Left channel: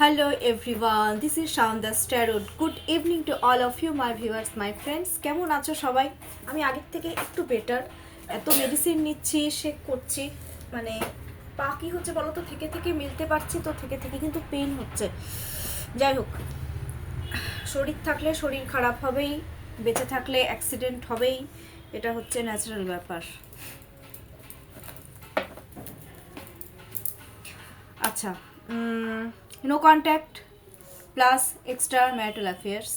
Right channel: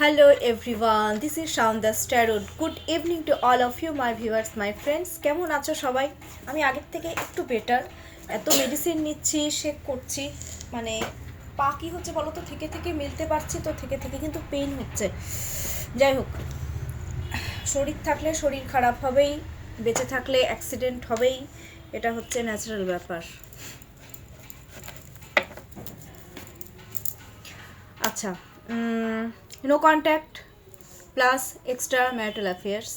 Hello everyone, this is Shaunda Starot. Good evening to all of you, my viewers, my friends. কেমন আছো সবাই? আমি আগের থেকে একটু বেটার। এত মেডিসিন নিচ্ছি, শেক করছি, মানে পা কি হচ্ছে বলো তো, থেকে থেকে মিলতে পারছি তো, থেকে থেকে কিন্তু পেইন হচ্ছে। যাই হোক, শরীর থাকলে শরীর খারাপ হবেই, বেঁচে থাকলে অ্যাক্সিডেন্ট হবেই, এটা হচ্ছে ন্যাচারাল ব্যাপার। আচ্ছা, no contact plus extra marital affairs.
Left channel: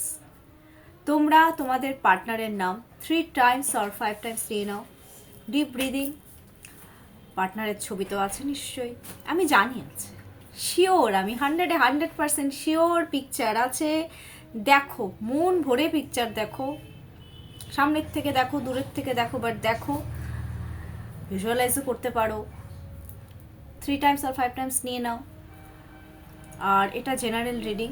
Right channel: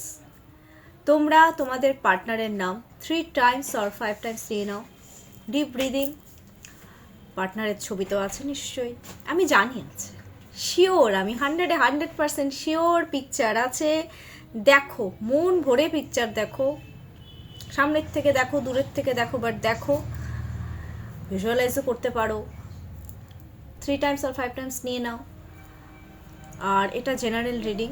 তোমরা তোমাদের পার্টনারের নাম 3 টাইমস অর 5 টাইমস নিয়ে নাও। Deep breathing. পার্টনারের ছবি তো আছে নিশ্চয়ই, আমি জানি আছে, শিওর, আমি 100% শিওর পিকচার আছে। দেখো, মন ভরে পিকচার দেখো, সামনের থেকে দেখো, দূরের থেকে দেখো, বাট দেখো, ভিজুয়ালাইজও করতে পারো। 3 টাইমস অর 5 টাইমস নিয়ে নাও। আর এটা জেনারেল রিডিং,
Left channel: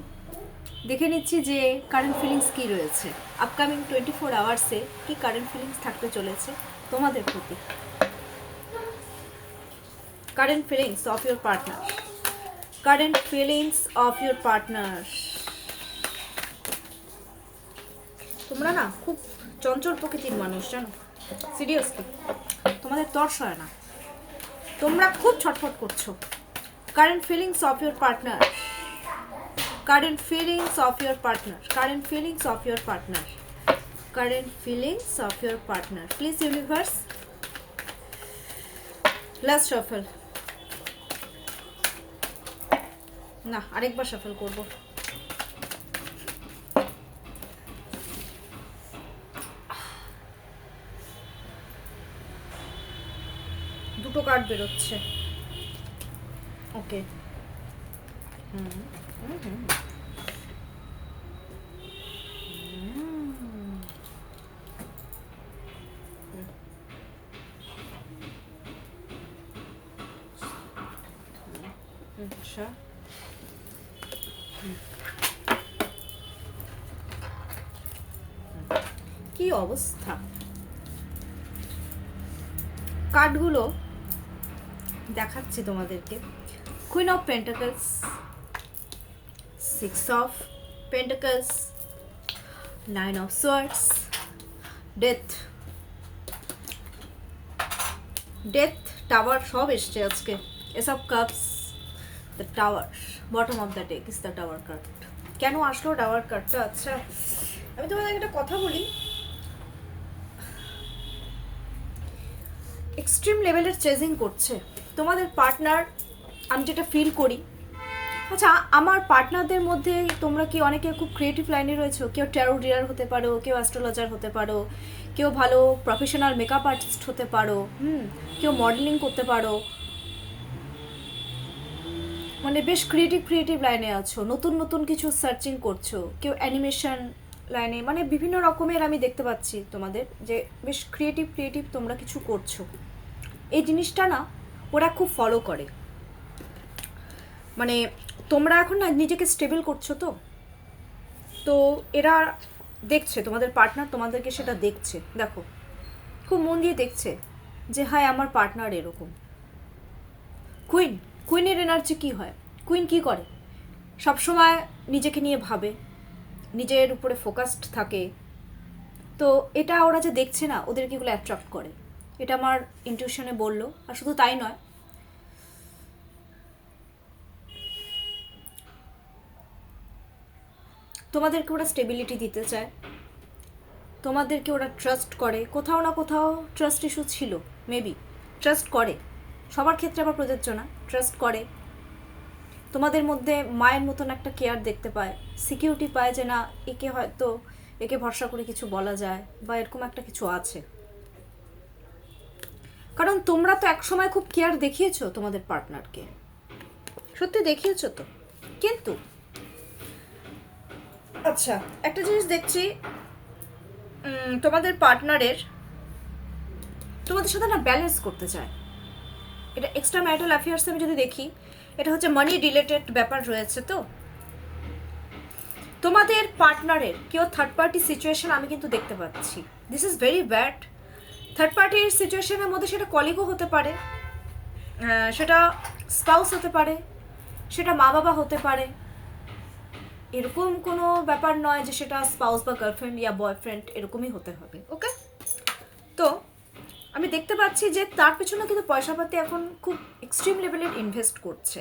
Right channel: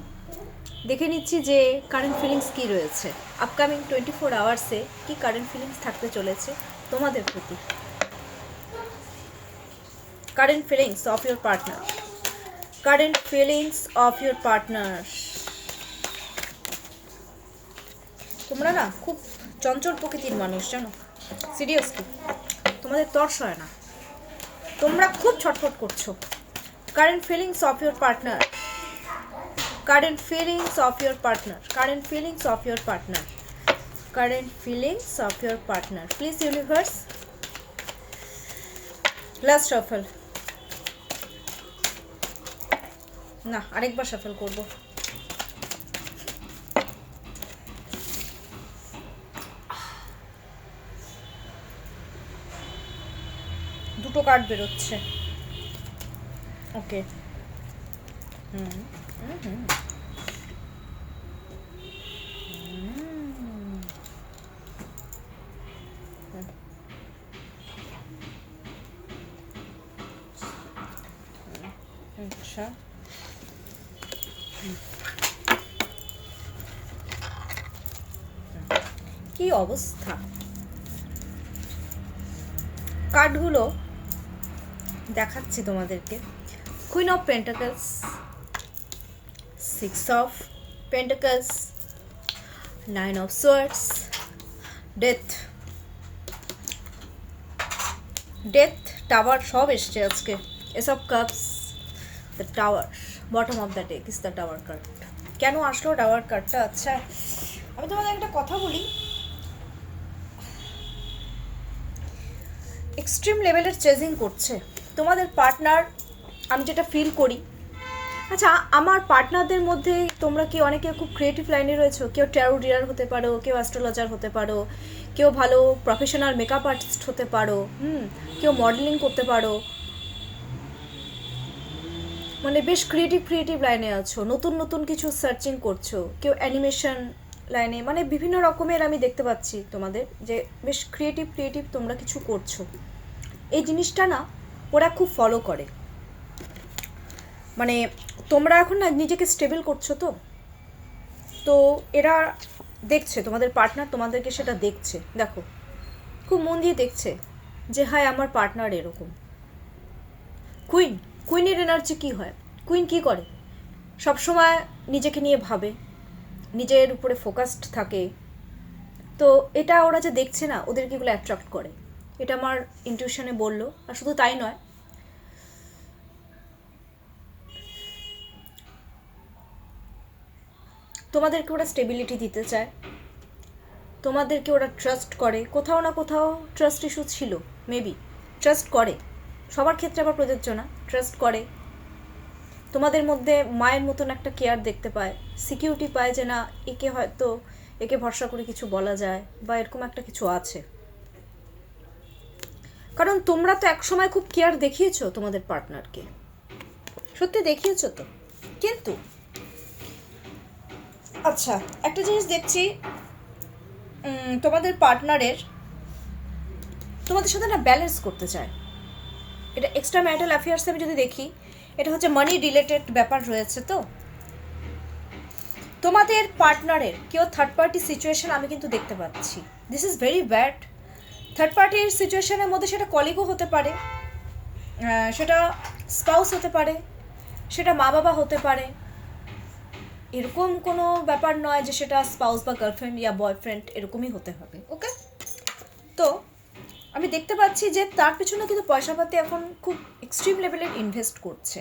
দেখে নিচ্ছি যে কারেন্ট ফিলিংস কী রয়েছে, আপকামিং 24 আওয়ার্সে কি কারেন্ট ফিলিংস থাকতে চলেছে তোমাদের প্রতি। Current feelings of your partner, current feelings of your partner. তোমরা না খুব চঞ্চল প্রকৃতির মানুষ, জানো, সিরিয়াসলি তোমাদের তর্স হয় না, তোমরা খুব ছটফট করছো। Current feelings of your partner, current feelings of your partner, current feelings of your partner, current feelings of your partner. Please universe, last shuffle. না, আরেকবার shuffle করব। দুটো কার্ড বেরোচ্ছে। ওকে, আচ্ছা, কি অবস্থা। কার্ডগুলো দেখাচ্ছি তোমাদেরকে। Queen of pentacles, 6 of pentacles, 9 of swords, death, death, tower, সব এসছে আজকে। S of cups, the tower, bottom of the deck is the tower card. কেন আসলো টাওয়ার কার্ডটা? আচ্ছা, আমি তোমাদের একটা কথা বলি, এক্সট্রিম লেভেলের চেজিং করছে তোমাদের পার্টনার, আমি যেটা ফিল করি। আচ্ছা, আমার পার্টনারদের মধ্যে তোমরা কি অনেকে খুব ক্রিয়েটিভ লাইনে রয়েছো, কেউ ট্যারো রিডার হতে পারো, কেউ অ্যাস্ট্রোলজার হতে পারো, কেউ ভালো প্রফেশনাল মেকআপ আর্টিস্ট হতে পারো, কেউ মডেলিং করতে পারো, মানে বেশ ক্রিয়েটিভ লাইনে আছো, নতুন নতুন কিছু সার্চিং করছো, কেউ অ্যানিমেশন লাইনে, মানে বিভিন্ন রকমের আমি দেখতে পাচ্ছি তোমাদের যে বেশ ক্রিয়েটিভ তোমরা কিছু করছো। এই জিনিসটা না ওরা খুব ফলো করে, মানে তোমরা এখন না নিজেকে স্টেবল করছো, তো এরা দেখছে, তোমাদের পার্টনার তোমাদেরকে সেটা দেখছে। দেখো, খুব মন দিয়ে দেখছে যে হায় আমার পার্টনার এরকম। কুইনের এনার্জি কী হয়, কুইন কী করে, সবসময় নিজেকে নিয়ে ভাবে, নিজের উপরে ফোকাসড থাকে, তো এটা ওরা যে দেখছে না, ওদেরকে এগুলো অ্যাট্রাক্ট করে, এটা আমার ইনটিউশনে বললো। আর শুধু তাই নয়, তোমাদেরকে ওরা স্টেবিলিটি দিতে চায়, তোমাদেরকে ওরা ট্রাস্ট করে, কোথাও না কোথাও ট্রাস্ট ইস্যু ছিল, মেবি ট্রাস্ট করে, সবার ক্ষেত্রে আবার প্রযোজ্য না, ট্রাস্ট করে। তোমাদের মধ্যে মায়ের মতন একটা কেয়ার দেখতে পায়, সিকিউরিটি পায় যে না একে হয়তো একে ভরসা করে কিছু বলা যায়, বা এরকম একটা কিছু আছে। কারণ তোমরা তো একসময় খুব কেয়ার দেখিয়েছো তোমাদের পার্টনারকে, সত্যি দেখিয়েছো তো। কিন্তু আচ্ছা, একটা জিনিস দেখছি, তোমাদের পার্টনারের তোমাদের সাথে না ব্যালেন্স করতে চায়। এটা এক্সট্রা ম্যারিটাল অ্যাফেয়ার্সে আমি যদি দেখি, এটা হচ্ছে মানি রিলেটেড ব্যাপার রয়েছে। তো তোমাদের পার্টনারের কেউ থার্ড পার্টি সিচুয়েশন আমি কিন্তু দেখতে পাচ্ছি, this is very bad. Third পার্টির সিচুয়েশনের মধ্যে সেটা কলিগও হতে পারে, সেটা স্পাউস হতে পারে, সেটা মা বাবা হতে পারে, এরকম কোনো ব্যাপার নয় যে সেটা স্পাউস বা গার্লফ্রেন্ড ইয়া বয়ফ্রেন্ড এরকমই হতে হবে। ওকে, তো আমি দেখতে পাচ্ছি যে তার পিছনে কিন্তু পয়সাপাতি এখন খুব এক্সট্রিম লেভেলের ইনভেস্ট করছে।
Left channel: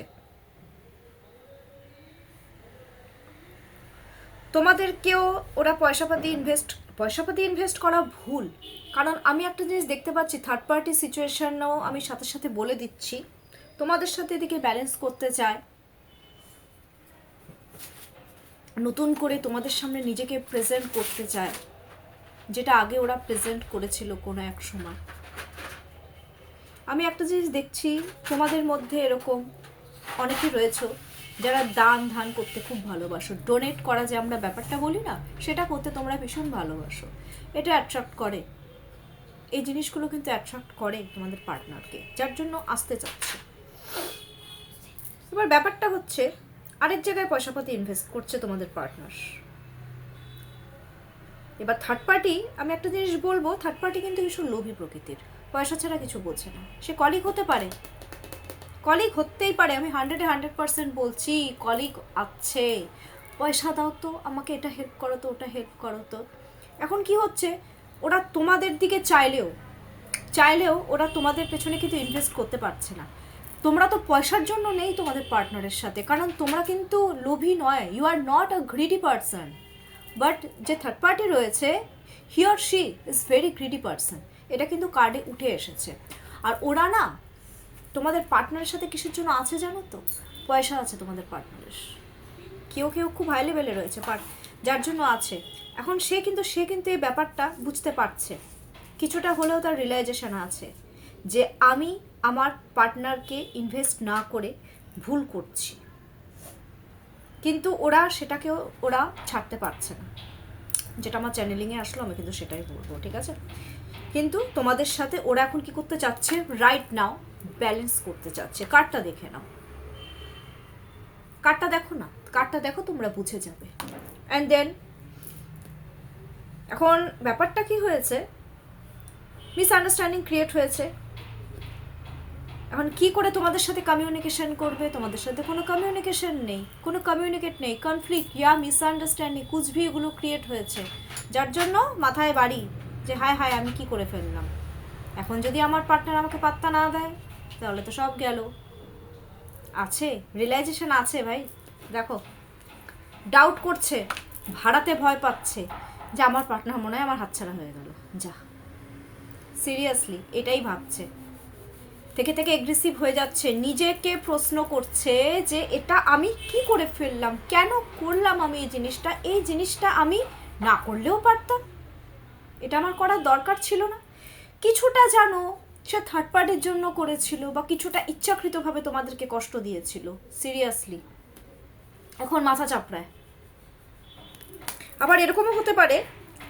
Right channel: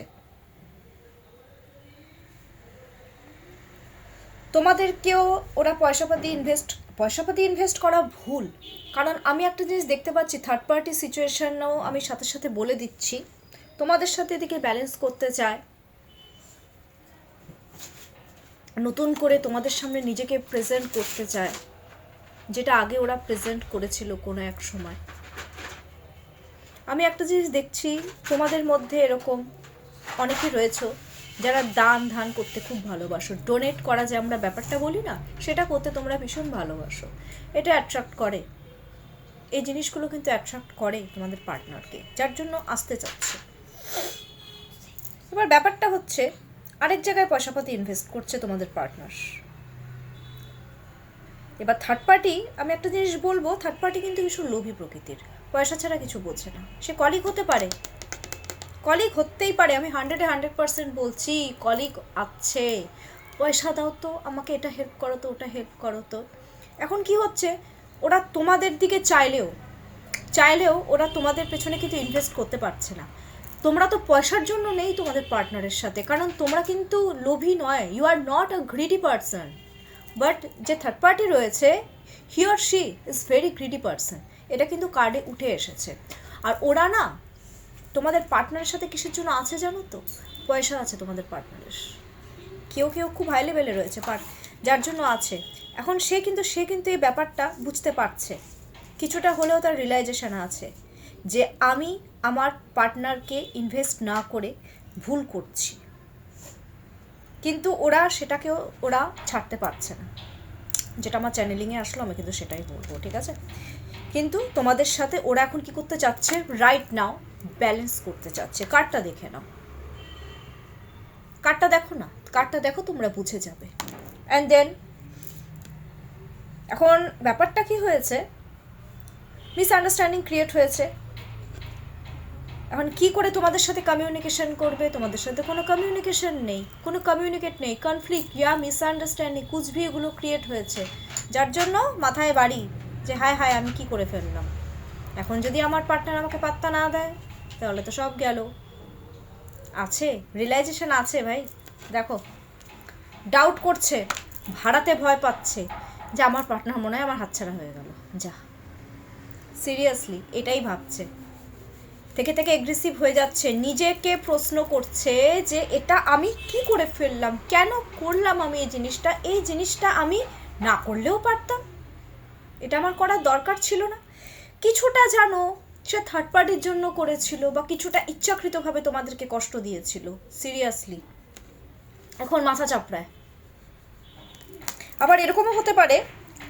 তোমাদেরকেও ওরা পয়সাপাতি ইনভেস্ট করা ভুল, কারণ আমি একটা জিনিস দেখতে পাচ্ছি, থার্ড পার্টি সিচুয়েশনও আমি সাথে সাথে বলে দিচ্ছি, তোমাদের সাথে এদিকে ব্যালেন্স করতে চায়, নতুন করে তোমাদের সামনে নিজেকে প্রেজেন্ট করতে চায়, যেটা আগে ওরা প্রেজেন্ট করেছিল কোনো এক সময়। আমি একটা জিনিস দেখছি, তোমাদের মধ্যে এরকম অনেকেই রয়েছে যারা দান ধান করতে খুব ভালোবাসো, ডোনেট করা যে আমরা ব্যাপারটা বলি না, সেটা করতে তোমরা ভীষণ ভালোবাসো। এটা অ্যাট্রাক্ট করে, এই জিনিসগুলো কিন্তু অ্যাট্রাক্ট করে তোমাদের পার্টনারকে, যার জন্য আসতে চাচ্ছে। এবার ব্যাপারটা হচ্ছে আরেক জায়গায় পয়সাপাতি ইনভেস্ট করছে তোমাদের পার্টনার। এবার থার্ড পার্টি, আমি একটা জিনিস বলবো, থার্ড পার্টি কিন্তু ভীষণ লোভী প্রকৃতির, পয়সা ছাড়া কিছু বোঝে না। সে কলিগ হতে পারে, কলিগ হতেই পারে, আমি 100% বলছি কলিগ আছে, পয়সা দাও তো আমাকে, এটা হেল্প করো তো, ওটা হেল্প করো তো। এখন কি হচ্ছে, ওরা তোমাদের দিকে চাইলেও ওরা তোমাদের পেছনে কিন্তু ইনভেস্ট করতে পারছে না। তোমরা তো পয়সার জন্য নেই তোমাদের পার্টনারের সাথে, কারণ তোমরা কিন্তু লোভী নয়, you are not a greedy person. But যে থার্ড পার্টি রয়েছে, he or she is very greedy person, এটা কিন্তু কার্ডে উঠে এসেছে। আর ওরা না তোমাদের পার্টনারের সাথে কিসের জন্য আছে জানো তো? পয়সা আছে তোমাদের পার্টনারের, কেউ খুব হাই লেভেলে রয়েছে যার জন্য আছে। এখন সে কিন্তু এই ব্যাপারটা বুঝতে পারছে, কিছুটা হলেও তার রিয়েলাইজেশন আছে যে আমি আমার পার্টনারকে ইনভেস্ট না করে ভুল করছি, কিন্তু সেটাকেও ওরা ছাড়তে পারছে না। যেটা আমার চ্যানেলিংয়ে আসলো, আমি কিন্তু সেটাই বলবো, ঠিক আছে? কিন্তু তোমাদের সাথে ওরা এখন কি করতে চাচ্ছে, রাইট নাও ব্যালেন্স করতে চাচ্ছে। কার্ডটা দেখে নাও, কার্ডটা দেখো না, কার্ডটা দেখো, তোমরা বুঝে যাবে। অ্যান্ড দেন এখন ব্যাপারটা কি হয়েছে, মিসআন্ডারস্ট্যান্ডিং ক্রিয়েট হয়েছে। এখন কি করে তোমাদের সাথে কমিউনিকেশন করবে? তোমাদের সাথে কোনো কমিউনিকেশন নেই, কোনো কমিউনিকেট নেই, কনফ্লিক্ট ইয়া মিসআন্ডারস্ট্যান্ডিং কুচভি এগুলো ক্রিয়েট হয়েছে, যার জন্য মাথায় বাড়ি যে হায় আমি কি করে ফেললাম। এখন যদি আমার পার্টনার আমাকে পাত্তা না দেয়, তাহলে তো সব গেল। আছে রিয়েলাইজেশন আছে ভাই, দেখো ডাউট করছে, ভাড়াতে ভয় পাচ্ছে যে আমার পার্টনার মনে হয় আমার হাতছাড়া হয়ে গেল, যা সিরিয়াসলি এটাই ভাবছে, থেকে এগ্রেসিভ হয়ে যাচ্ছে, নিজেকে প্রশ্ন করছে যে এটা আমি কি করে ফেললাম, কেন করলাম আমি এই জিনিসটা আমি না করলেও পারতাম, এটা আমার করার দরকার ছিল না। কিছুটা জানো সে থার্ড পার্টির জন্য করেছিল, বা কিছুটা ইচ্ছাকৃতভাবে তোমাদেরকে কষ্ট দিয়েছিল, সিরিয়াসলি এখন মাথা চাপড়ায়। আবার এরকমও হতে পারে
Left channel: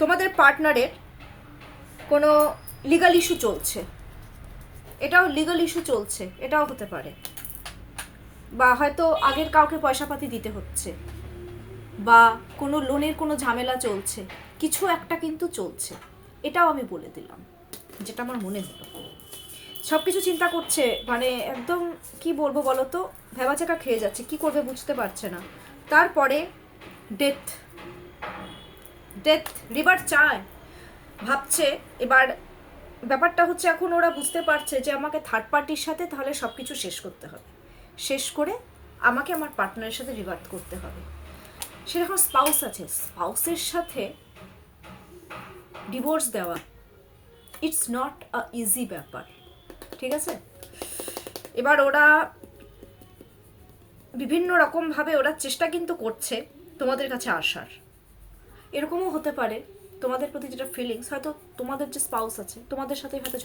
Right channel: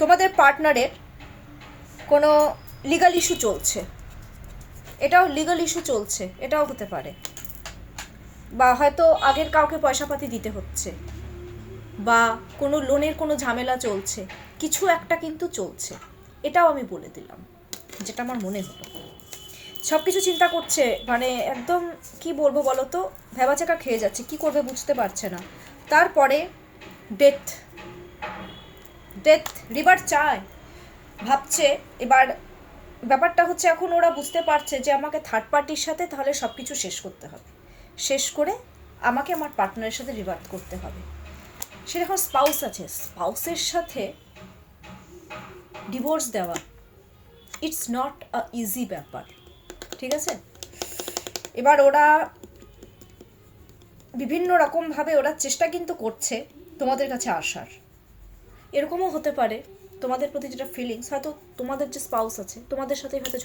তোমাদের পার্টনারের কোনো লিগাল ইস্যু চলছে, এটাও লিগাল ইস্যু চলছে, এটাও হতে পারে। বা হয়তো আগের কাউকে পয়সাপাতি দিতে হচ্ছে, বা কোনো লোনের কোনো ঝামেলা চলছে, কিছু একটা কিন্তু চলছে, এটাও আমি বলে দিলাম যেটা আমার মনে হলো। সব কিছু চিন্তা করছে, মানে একদম কি বলবো বলো তো, ভেবাচাকা খেয়ে যাচ্ছে, কি করবে বুঝতে পারছে না। তারপরে ডেথ রিভার চায়, ভাবছে। এবার ব্যাপারটা হচ্ছে এখন ওরা বুঝতে পারছে যে আমাকে থার্ড পার্টির সাথে তাহলে সব কিছু শেষ করতে হবে, শেষ করে আমাকে আমার পার্টনারের সাথে রিভার্ট করতে হবে। সেরকম স্পাউস আছে, স্পাউসের সাথে ডিভোর্স দেওয়া ইটস নট আ ইজি ব্যাপার, ঠিক আছে? এবার ওরা বিভিন্ন রকমভাবে ওরা চেষ্টা কিন্তু করছে তোমাদের কাছে আসার। এরকমও হতে পারে তোমাদের প্রতি যেটা ফিলিংস, হয়তো তোমাদের যে স্পাউস আছে তোমাদের সাথে হয়তো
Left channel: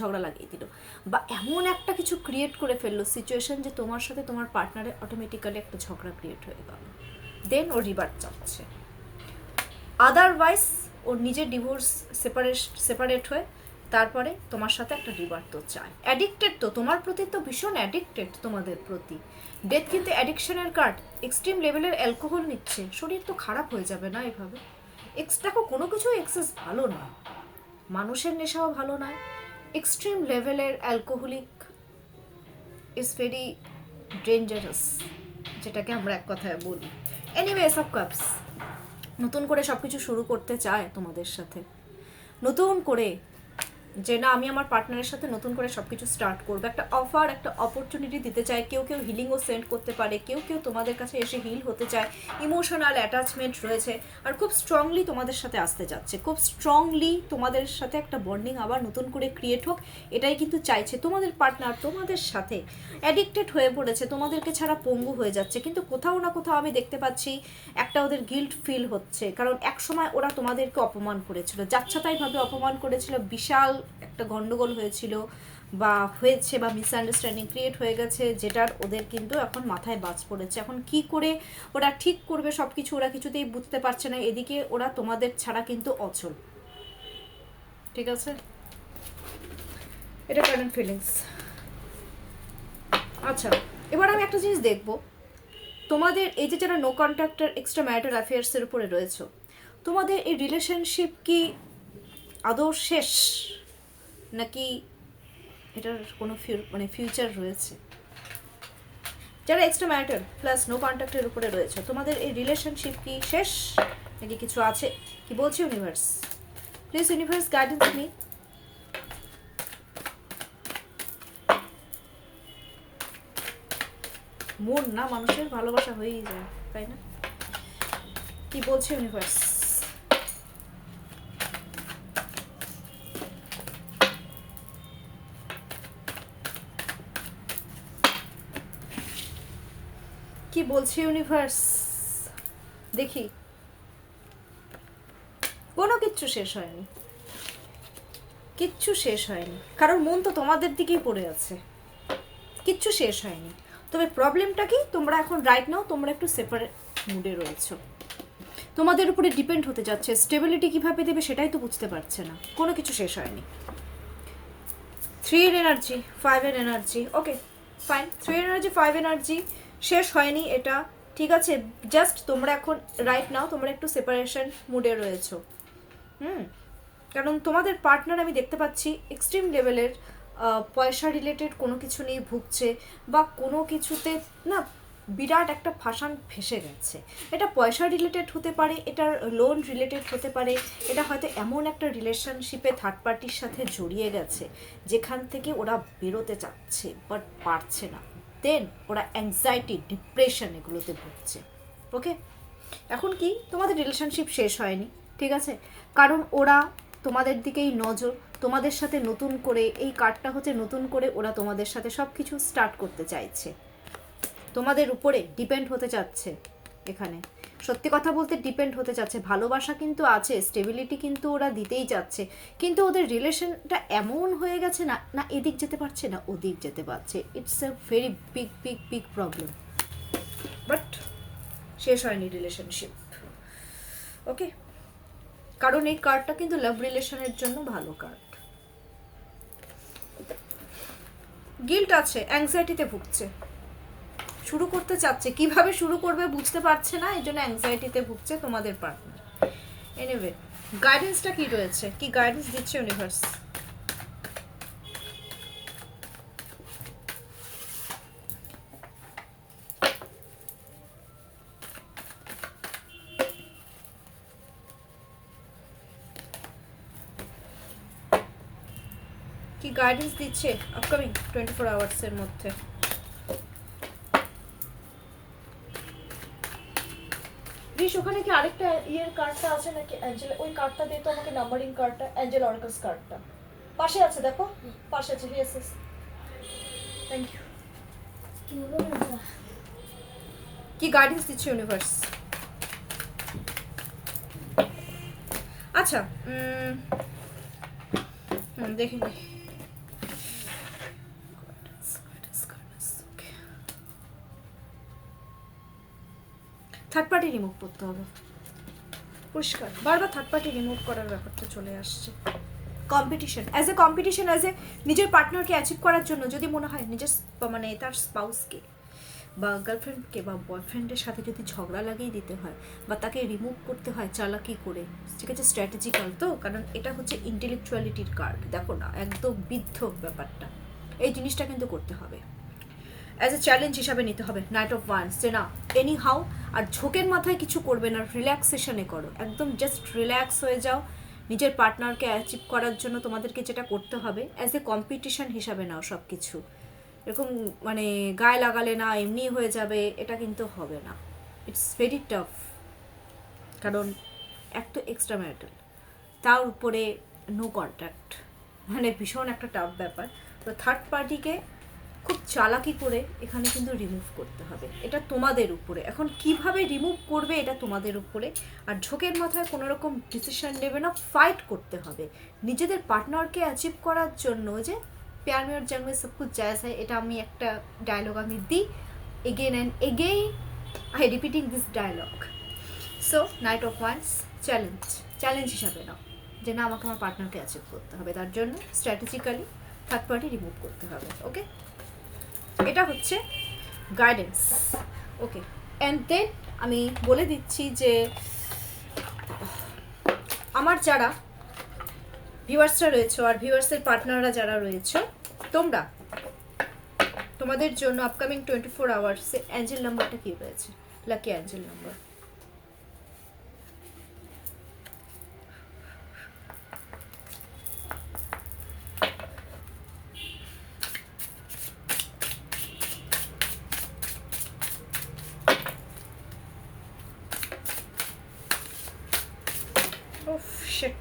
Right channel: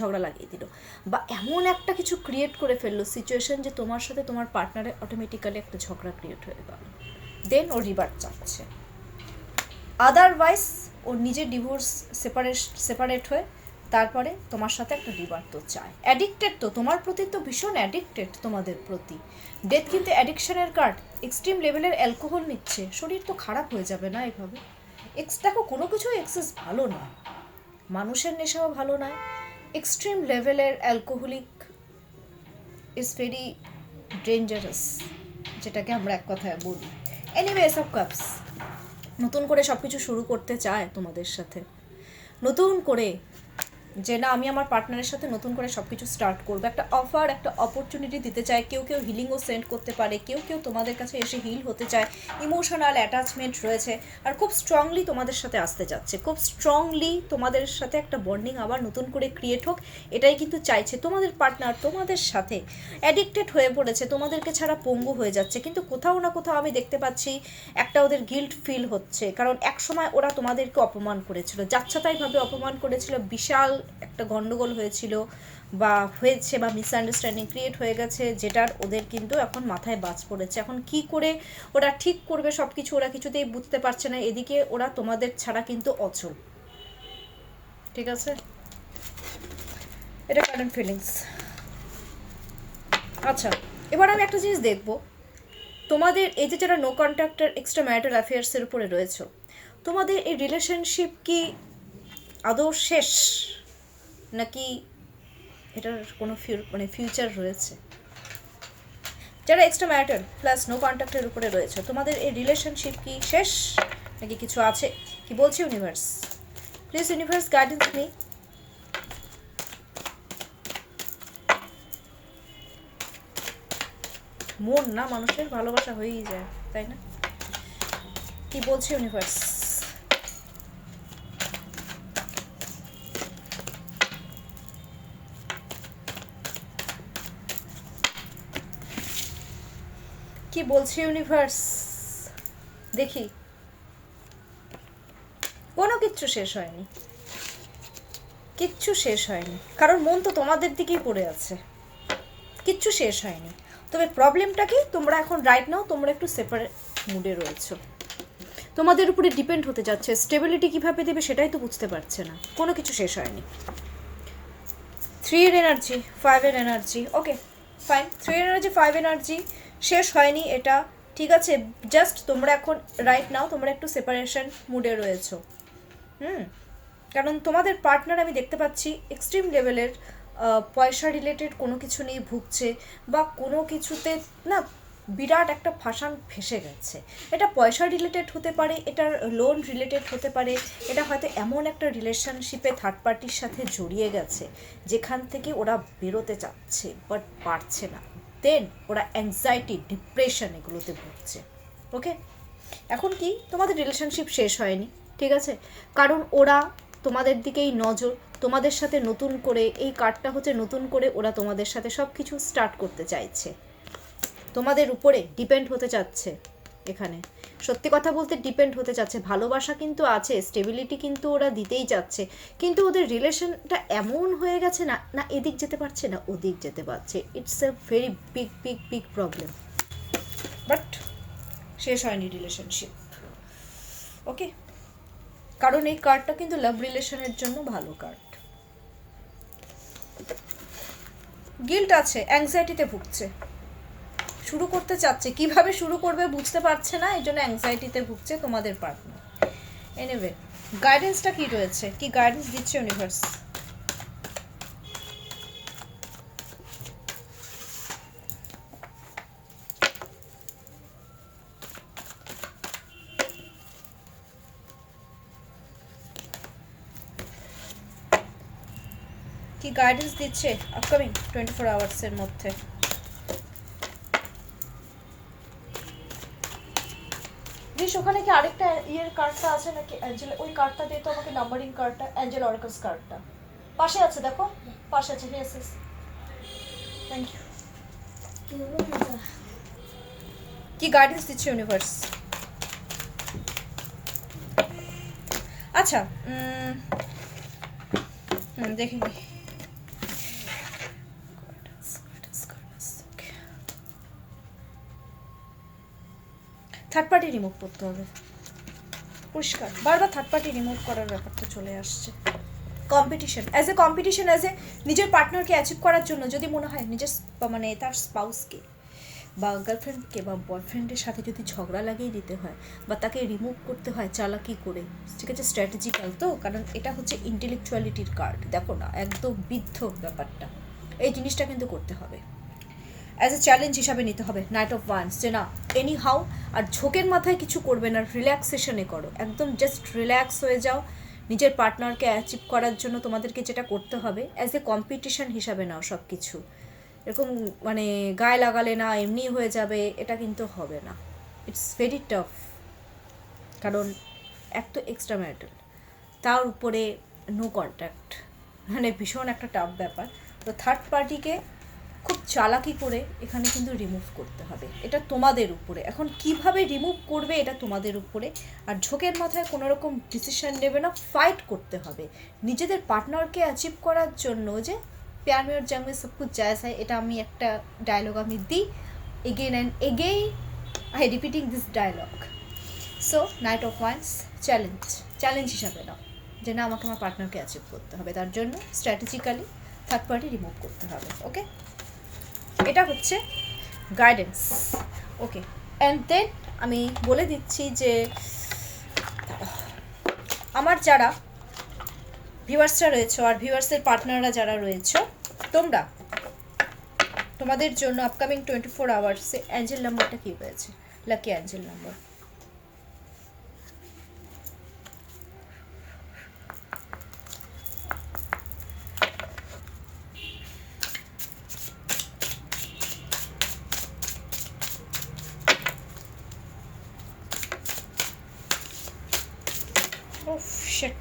ঝগড়া লাগিয়ে দিল, বা এমন একটা কিছু ক্রিয়েট করে ফেললো সিচুয়েশন যে তোমার সাথে তোমার পার্টনারে অটোমেটিক্যালি একটা ঝগড়া ক্রিয়েট হয়ে গেল, দেন ও রিভার্ট চাচ্ছে। আদারওয়াইজ ওর নিজের ডিভোর্স সেপারেট হয়ে তারপরে তোমার সাথে একটা রিভার্ট তো চায়। অ্যাডিক্টেড তো তোমার প্রতি, তো ভীষণ অ্যাডিক্টেড তোমাদের প্রতি। ডেথ কিন্তু অ্যাডিকশনের কার্ড, এক্সট্রিম লেভেলের অ্যালকোহল নিচ্ছে, শরীর তো খারাপ হয়ে যাবে না এভাবে। দেখো কোনো কিছুই এক্সেস ভালো না, মানুষের নেশাও ভালো নয়, এক্সট্রিম লেভেলের অ্যালকোহলিক ইজ ভেরি ডেঞ্জারাস, যেটাকে আমরা এক কথায় বলি। এনিওয়ে এস অফ কাপস নতুন করে সব কিছু শুরু করতে চায় তোমাদের সাথে, নতুন করে যে না আমি আমার পার্টনারের সাথে নতুন করে সব কিছু স্টার্ট করবো, একটা অফার, একটা অপরচুনিটি দিতে চায়। কেউ কেউ হিলিংও সেন্ড করতে পারে, কেউ কেউ তোমাদের কাছে এসে হিল হতে চায়, ইমোশনাল অ্যাটাচমেন্ট রয়েছে, আর খুব স্ট্রংলি তোমাদের সাথে আসতে যাচ্ছে, খুব স্ট্রংলি তোমাদের সাথে একটা বন্ডিং আবার নতুন করে ক্রিয়েট হোক, এটাই কিন্তু চাইছে। তোমাদের পার্টনার তোমাদের সাথে অ্যাডিক্টেড হয়ে পড়েছে, তোমাদেরকে ছাড়া পঙ্গু হয়ে যাচ্ছে, কিন্তু কোথাও না কোথাও আমি দেখতে পাচ্ছি একটা ওদের গিল্ট ফিল হচ্ছে, কারণ একসময় ওরা তোমাদেরকে অপমান করেছিল, যাচ্ছাতাইভাবে অপমান করেছিল, বিশাল একটা গন্ডগোল হয়েছিল বা হয়েছে, বা মিসআন্ডারস্ট্যান্ডিং ক্রিয়েট হয়ে গেছে, যেটার ওদের কিন্তু এখন মাথায় বাজ পড়েছে। এখন কি করে ওরা ঠিক করবে সব কিছু ওরা কিছুতেই বুঝতে পারছে না, এদিকে ওরা তোমাদের ছাড়া কিন্তু অচল। ঠিক আছে, এটা কারেন্ট ফিলিংস। আচ্ছা, এবার আমি একটা জিনিস দেখব, তোমাদের এই যে যারা নো কন্ট্যাক্টার এক্সট্রা ম্যারিটাল অ্যাফেয়ার্সের উপরে রয়েছে, তোমাদের এই রিলেশনশিপ কি আদৌ শেষ, নাকি এটার কোনো ফিউচার রয়েছে? যারা এক্সট্রা ম্যারিটাল প্লাস নো কন্ট্যাক্টের উপরে রয়েছে, তোমাদের এই রিলেশনশিপ কি শেষ, নাকি কিছু আছে? কি বলছে universe? Please universe guidance me. মন না মানুষের ভালোবাসা হয়েই যায়, তাই না? কি বলছে ইউনিভার্স? কি বলছে ইউনিভার্স দেখি। কোনো কিচ্ছু শেষ হয়নি, কিচ্ছু শেষ হয়নি, কারণ মন তো তোমাদের দিকেই পড়ে আছে, কিচ্ছু শেষ হয়নি। তবে প্রবলেমটা কি, তোমরা এখন রাইট নাও তোমরা একটু সেপারেট মুডে রয়েছো, তোমাদের উপরে ডিপেন্ড হতে যাচ্ছে, স্টেবিলিটি কিভাবে দেবে সেটাই তো বুঝতে পারছে না। কোনো কিছু শেষ হয়নি। 3 এর এনার্জি, 5 এর এনার্জি, ওকে ফাইন। 3 এর এনার্জি, 5 এনার্জি, শেষ হয়নি এটা, ঠিক আছে। জাস্ট তোমরা এখন রাইট নাও তোমরা একটু সেপারেশন মুডে রয়েছো। কারণ তোমাদের পার্টনার আমি দেখতে পাচ্ছি এক্সট্রিম লেভেলের পয়সা রিলেটেড কোনো কিছু নিয়ে ভুগছে, বা কোনো কিছুতে না বিরাট একটা ফাঁসান ফেসে গেছে। এটা পয়সা রিলেটেড হতে পারে, এটার লোন রিলেটেড হতে পারে, এটা হয়তো এমন একটা রিলেশনশিপে থার্ড পার্টির সাথে জড়িয়ে গেছে যেখান থেকে ওরা বেরোতে চাচ্ছে বাট পারছে না, দেন ওরা অ্যাংজাইটি, ডিপ্রেশন এগুলোতে ভুগছে। ওকে, এখন কি তোমাদের রিলেশনশিপ শেষ হয়নি, ঠিক আছে, কারণ ওরা তোমাদের দিকেই নজর, তোমাদের সাথে নতুন করে, এই কার্ডটা হচ্ছে নতুন করে ওরা তোমাদের সাথে সব কিছু স্টার্ট করতে চাইছে, তোমাদের উপরে ডিপেন্ড হতে চাচ্ছে। এখানে সত্যি কথা বলতে ডিপেন্ড হতে চাচ্ছে, ভালোবাসা কিন্তু আছে, স্টেবিলিটি কিন্তু ওরা দিতেই যাচ্ছে, কিন্তু ওদের রিলেশনটা এমন হয়ে গেছে না, না এদিক যেতে পারছে না ওদিক যেতে পারছে। It's a very big big big problem, but শেষ হয়নি রিলেশনশিপ। ওকে, কারণ এই কার্ডটা কিন্তু লাভ রিলেশনের জন্য ভালো কার্ড। গিল্ট আছে, অ্যাংজাইটিতে ভুগছে, শুরু করতে চাচ্ছে, কিভাবে শুরু করবে বুঝতে পারছে না, এই জন্য অ্যাংজাইটিতে ভুগছে তোমাদের পার্টনার। এনিওয়ে, গাইডেন্সটা কি রয়েছে, কি গাইডেন্স দিচ্ছে ইউনিভার্স? কি গাইডেন্স দিচ্ছে আপকামিং 24 আওয়ার্সের মধ্যে? রিশ, ওখানে কি আরেকটা ইয়ের কার্ডটা আছে নাকি অ্যাঞ্জেল? ওই কার্ডটা দিয়ে তো আমাকে নাম্বারিং কার্ডটা, অ্যাঞ্জেল অর্কাস কার্ডটা পাশে আছে, দেখো পাশে আছে। Yes yes, thank you. কি গাইডেন্স দিচ্ছে ইউনিভার্স? আচ্ছা, দেখিনি। থার্ড পার্টি রিমুভ করতে হবে, পরিষ্কার, বারবার থার্ড পার্টি রিমুভ করার ব্যাপারটা চলে আসছে। কম্পিটিশন, অ্যাজ এ নিজের পার্টনারকে অ্যাচিভ করার জন্য যদি মনে হয় নিজের মানে তার স্পাউসকে বা গার্লফ্রেন্ডকে বা বয়ফ্রেন্ডের সাথে যদি ঝগড়া লাগিয়ে দিতে হয় বা তাকে রিমুভ করতে হয় চালাকি করে, ঠিক আছে, স্ট্র্যাটেজিক্যাল তো, কারণ এটা হচ্ছে ইন্টেলেকচুয়ালিটির কার্ড, দেখো না একদম বিদ্ধ ব্যাপারটা, এই জিনিসটা কিন্তু করতে হবে। অ্যাজ এ চ্যালেঞ্জ হিসাবে নিতে হবে নাইট অফ ওয়ান্স, যে না এনি হাউ আর ঝোঁকের মাথায় কিছু করবে না, রিল্যাক্সেশনে করো, একদম জাস্ট রিল্যাক্স হয়ে যাও। নিজের পার্টনারকে অ্যাচিভ করার জন্য তোমাদেরকে যেটা করতে হবে অ্যাজ এ কম্পিটিশন হিসাবে নাও সব কিছু, এরকম মানে গায়ে লাগালে না এমনি হয়ে যাবে, এটা কিন্তু হবে না। ইটস ভেরি টাফ, কারণ এক তো এক্সট্রা ম্যারিটাল, তার উপরে নো কন্ট্যাক্ট, মানে ভীষণ একটা টাফ ব্যাপার। তো থার্ড পার্টিকে খুব চালাকি করে এখানে কিন্তু রিমুভ করতে হবে, এটা তোমাদের উপরে। এখন কিভাবে রিমুভ করবে এটা তোমাদের উপরে। আর ঝোঁকের মাথায় কোনো রকম ডিসিশন নেবে না, ফাইট করতে হবে নিজেদের পার্টনারকে অ্যাচিভ করার জন্য। যে প্যার মে और जंग में सब कुछ जायज़ है, এটা আমি একটা ডায়লগ আমি দিই again and again, I repeating this dialogue. So knight of wands challenge হিসাবে নাও, যে না আমাকে আমার পার্টনারকে অ্যাচিভ করতে হবে, তার জন্য স্ট্র্যাটেজিক্যালি থার্ড পার্টি রিমুভ করতে হবে। ওকে, এটা হচ্ছে গাইডেন্স। ওকে, অ্যান্ড দেন আমি বলে দিচ্ছি যে আমার যারা ভিউয়ার্সরা রয়েছে আর ভিউয়ার্সের পার্টনাররা যারা রয়েছে, তোমরা তোমাদের জন্য আপকামিং 24 আওয়ার্সে অ্যাঞ্জেল নাম্বারটা কী রয়েছে, lucky Angel number. Oh shit.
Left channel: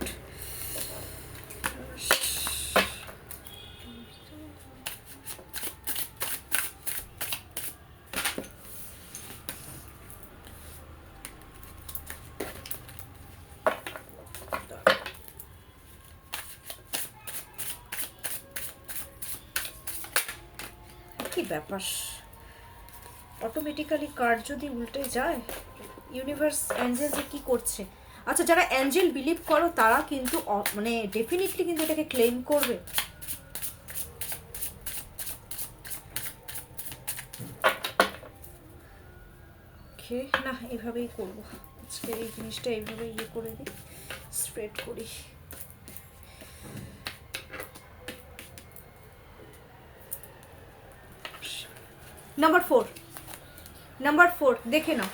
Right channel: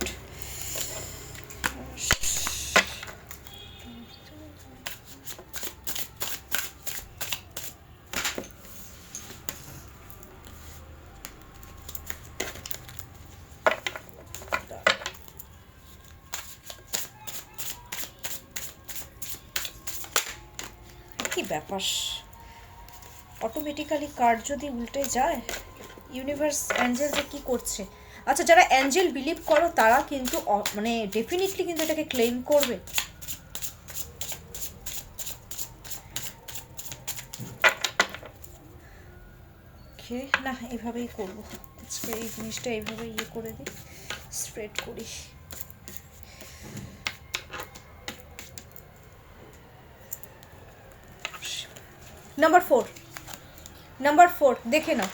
কি ব্যাপার, অটোমেটিক্যালি কার্ড যদি উল্টে যায়, ইউনিভার্স অ্যাঞ্জেল যে কী করছে। আচ্ছা, যারা অ্যাঞ্জেল বিলিভ করো তারা কিন্তু মানে ডেফিনেটলি কিন্তু এটাকে ক্লেম করবে। ওকে, না এভাবেই করবো আজকে, এই জিনিসটা এইভাবে ইয়ে করে দিই, স্প্রেড করি। নাম্বার ফোর দেখে নাও।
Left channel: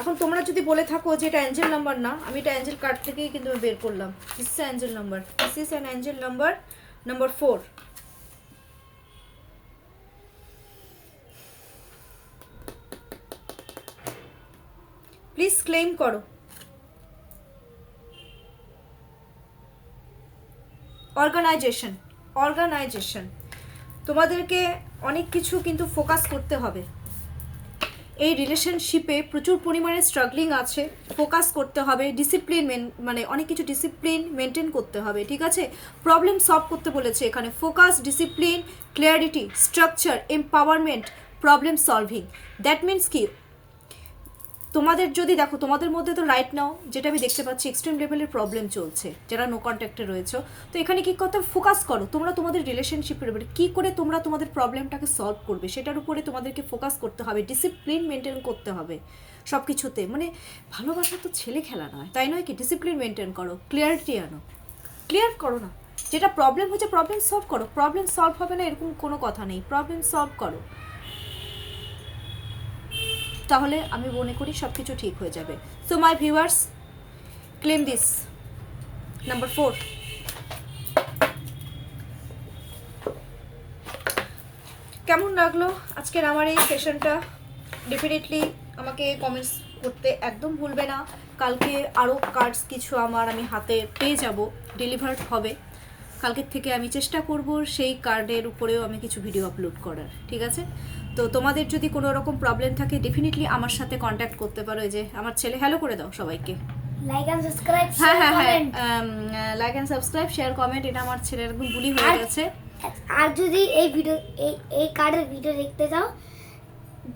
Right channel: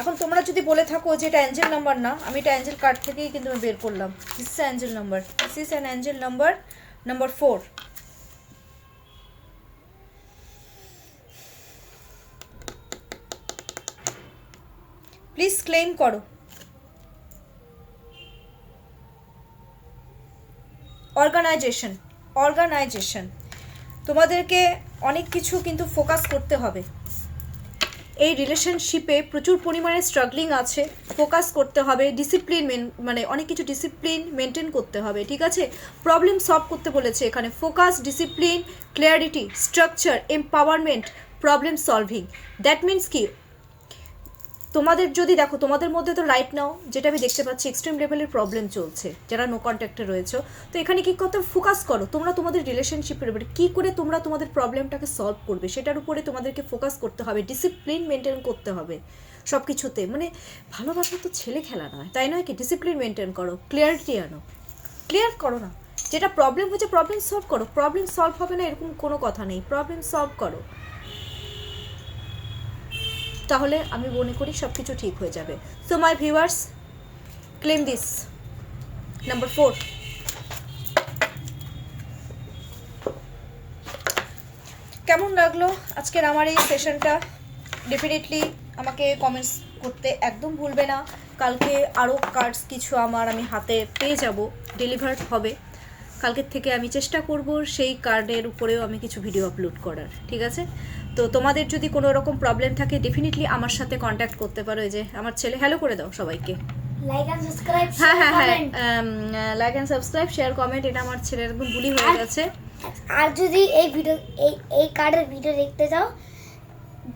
এখন তোমরা যদি বলে থাকো যে এটা অ্যাঞ্জেল নাম্বার না, আমি এটা অ্যাঞ্জেল কার্ড থেকেই কিন্তু আমি বের করলাম। This is Angel number, this is an Angel number, number 4। Please claim করো। অর্গানাইজেশন তোমাদেরকে অনেক কিছু কিন্তু ফোকাস করতে হবে। এই রিলেশনশিপে প্রচুর পরিমাণে স্ট্রাগলিং আছে, ফোকাস করতে হবে, ডিসিপ্লিন মানে অনেক কিছু ডিসিপ্লিন মেনটেন করতে হবে, ঠিক আছে। প্রবলেম সলভ করতে বলেছে এখানে, focus, discipline, clarity, structure, empowerment, problem solving. That means কি, তোমাদের যদি দেখো তোমাদের মধ্যে তো রাইট নাও যেটা আমি দেখতে পাচ্ছি এক্সট্রিম লেভেলের প্রবলেম চলছে, যারা নো কন্ট্যাক্টে রয়েছে। তো এখানে কি করতে ফোকাস করো, তোমরা তোমাদের রিলেশনশিপের উপরে কী করে তোমরা তোমাদের প্রবলেমটাকে সলভ করবে সেটার উপরে তোমাদেরকে ফোকাস করতে হবে, ডিসিপ্লিন মেনটেন করতে হবে সব কিছুতে। মানে ভালোবাসা তো ছেলে খেলা নয়, তাই নয় কি? ডিসিপ্লিন মেনটেন করো, ক্লিয়ারিটি আনো, ক্লিয়ার করো না যেটা প্রবলেম হচ্ছে, প্রবলেম সলভ করো। প্রবলেম সলভ হবে না এরকম কোনো কথা নেই, প্রবলেম সলভ করো, তাহলে আমি মনে করি সব কিছু ঠিক হয়ে যাবে। So my viewers, claim this number 4। কেমন লাগলো আজকের আমার এই সেশনটা? ডেফিনেটলি আমাকে কমেন্টস করতে একদম ভুলবে না। কালকে আরও কার্ডস কিছু আমি হাতে পেয়ে যাব, ডেলিভার্ড হবে। কালকের থেকে আমি চেষ্টা করব সেই কার্ডের উপরেও আমি কিছু ভিডিও আপলোড করার, ঠিক আছে? তো তোমাদের যদি কোনো রকম প্রবলেম থাকে ডেফিনেটলি আমার সাথে কন্ট্যাক্ট করতে পারো। এই যে আমার ছেলে, হ্যালো করে দাও সবাইকে। লাইক এন্ড সাবস্ক্রাইব, হ্যাঁ, like and subscribe, share, comment. এটা আমার ছেলের একদম বুলি হয়ে গেছে। আর যদি এই কার্ডের ভিডিও দেখতে চাও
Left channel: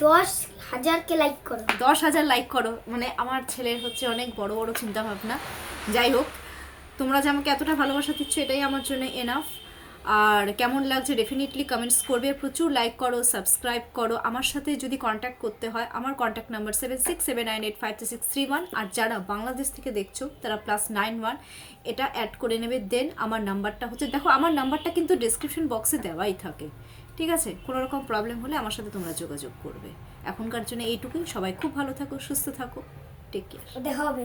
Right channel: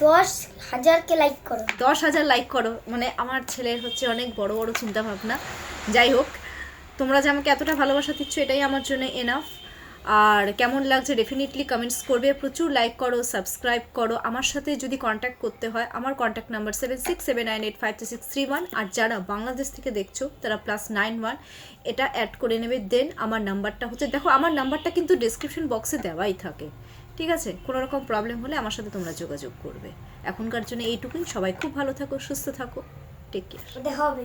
10,000 লাইক করো, 10,000 লাইক করো। মানে আমার ছেলের হচ্ছে অনেক বড় বড় চিন্তা ভাবনা। যাই হোক, তোমরা যে আমাকে এতটা ভালোবাসা দিচ্ছ এটাই আমার জন্য এনাফ। আর কেমন লাগছে ডেফিনেটলি কমেন্টস করবে, প্রচুর লাইক করো, সাবস্ক্রাইব করো। আমার সাথে যদি কন্ট্যাক্ট করতে হয় আমার কন্ট্যাক্ট নাম্বার 7679852631। আর যারা বাংলাদেশ থেকে দেখছো তারা +91 এটা অ্যাড করে নেবে। দেন আমার নাম্বারটা হচ্ছে, দেখো আমার নাম্বারটা কিন্তু ডেসক্রিপশন বক্সে দেওয়াই থাকে, ঠিক আছে, কোনো রকম প্রবলেম হলে আমার সাথে তোমরা যোগাযোগ করবে। এখনকার জন্য এইটুকুই। সবাই খুব ভালো থাকো, সুস্থ থাকো, টেক কেয়ার। দেখা হবে।